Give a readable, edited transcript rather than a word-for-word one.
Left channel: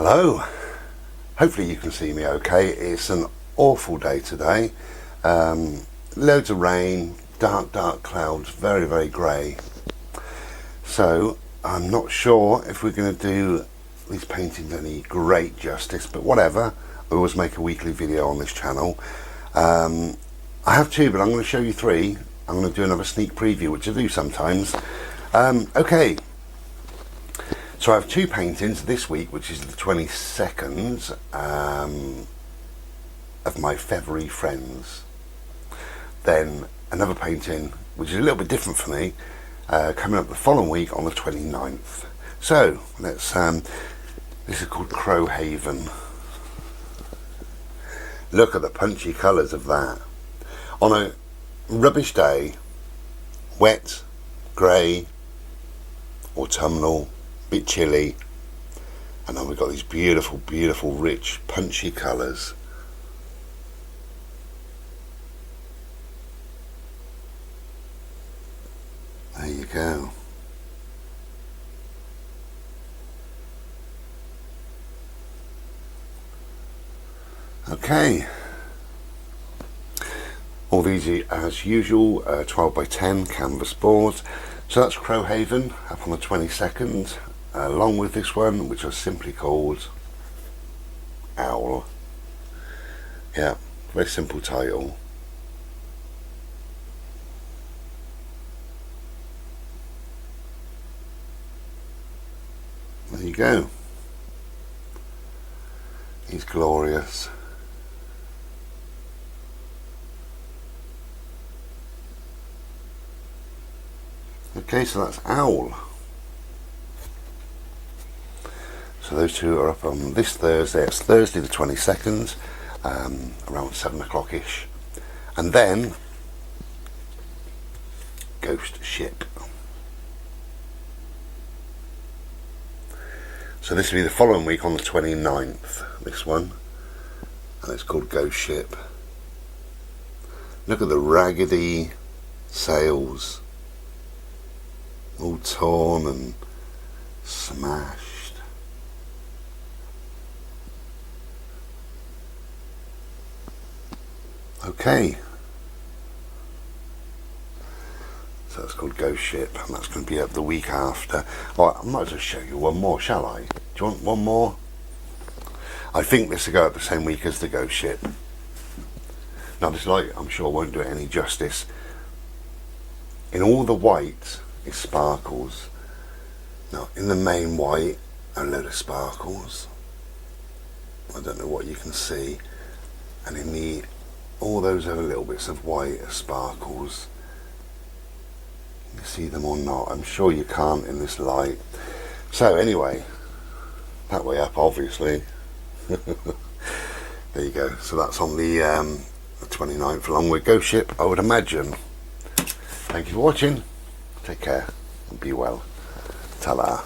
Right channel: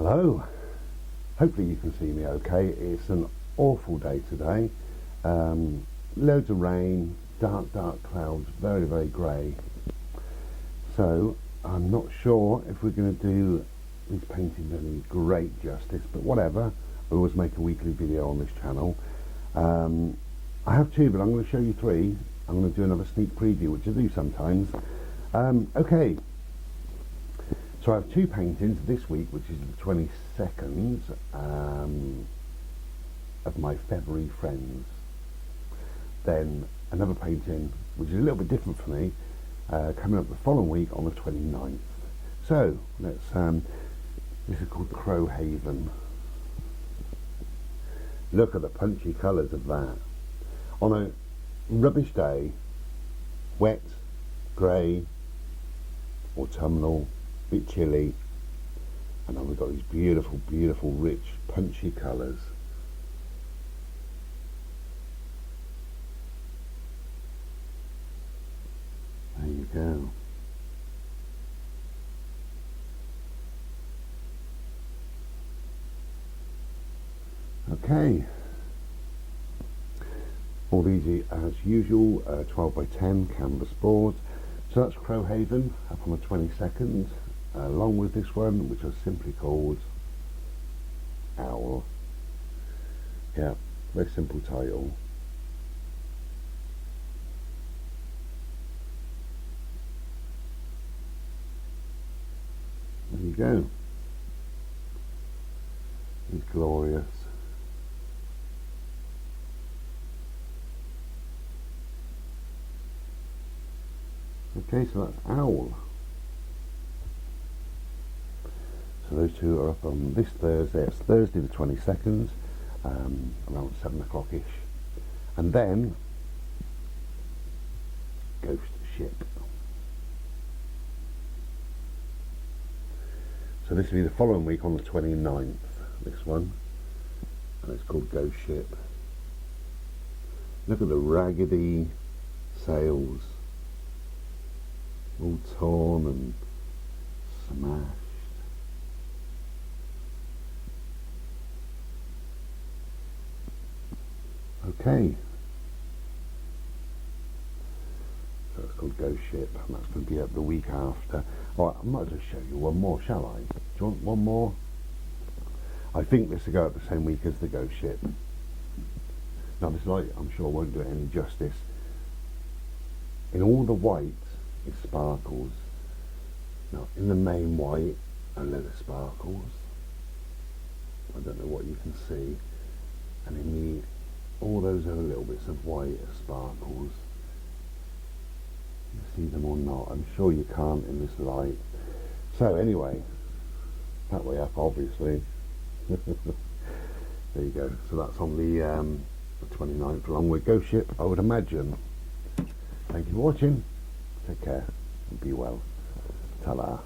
Hello, hopefully you can see me okay. It's an awful day today. Loads of rain, dark clouds, very grey. So I'm not sure if we're going to do these paintings any great justice, but whatever. I always make a weekly video on this channel. I have two, but I'm going to show you three. I'm going to do another sneak preview, which I do sometimes. Okay. So I have two paintings this week, which is the 22nd of my February friends. Then another painting, which is a little bit different for me, coming up the following week on the 29th. So let's. This is called Crowhaven. Look at the punchy colours of that. On a rubbish day, wet, grey, autumnal, bit chilly, and then we've got these beautiful rich punchy colours. There you go. Okay, all these are, as usual, 12 by 10 canvas boards. So that's Crowhaven up on the 22nd, along with this one, which I simply called Owl. Yeah, very simple title. There you go. He's glorious. Okay, so that's Owl. So those two are up on this Thursday. It's Thursday the 22nd, around 7 o'clock-ish. And then Ghost Ship. So this will be the following week on the 29th, this one. And it's called Ghost Ship. Look at the raggedy sails. All torn and smashed. Okay. So it's called Ghost Ship, and that's going to be up the week after. Oh, I might as well show you one more, shall I? Do you want one more? I think this will go up the same week as the Ghost Ship. Now this light, I'm sure, won't do it any justice. In all the white, it sparkles. Now in the main white, a load of sparkles. I don't know what you can see. And in the all those other little bits of white are sparkles. You see them or not? I'm sure you can't in this light. So anyway, that way up, obviously. There you go. So that's on the 29th, along with Ghost Ship, I would imagine. Thank you for watching. Take care and be well. Ta-da.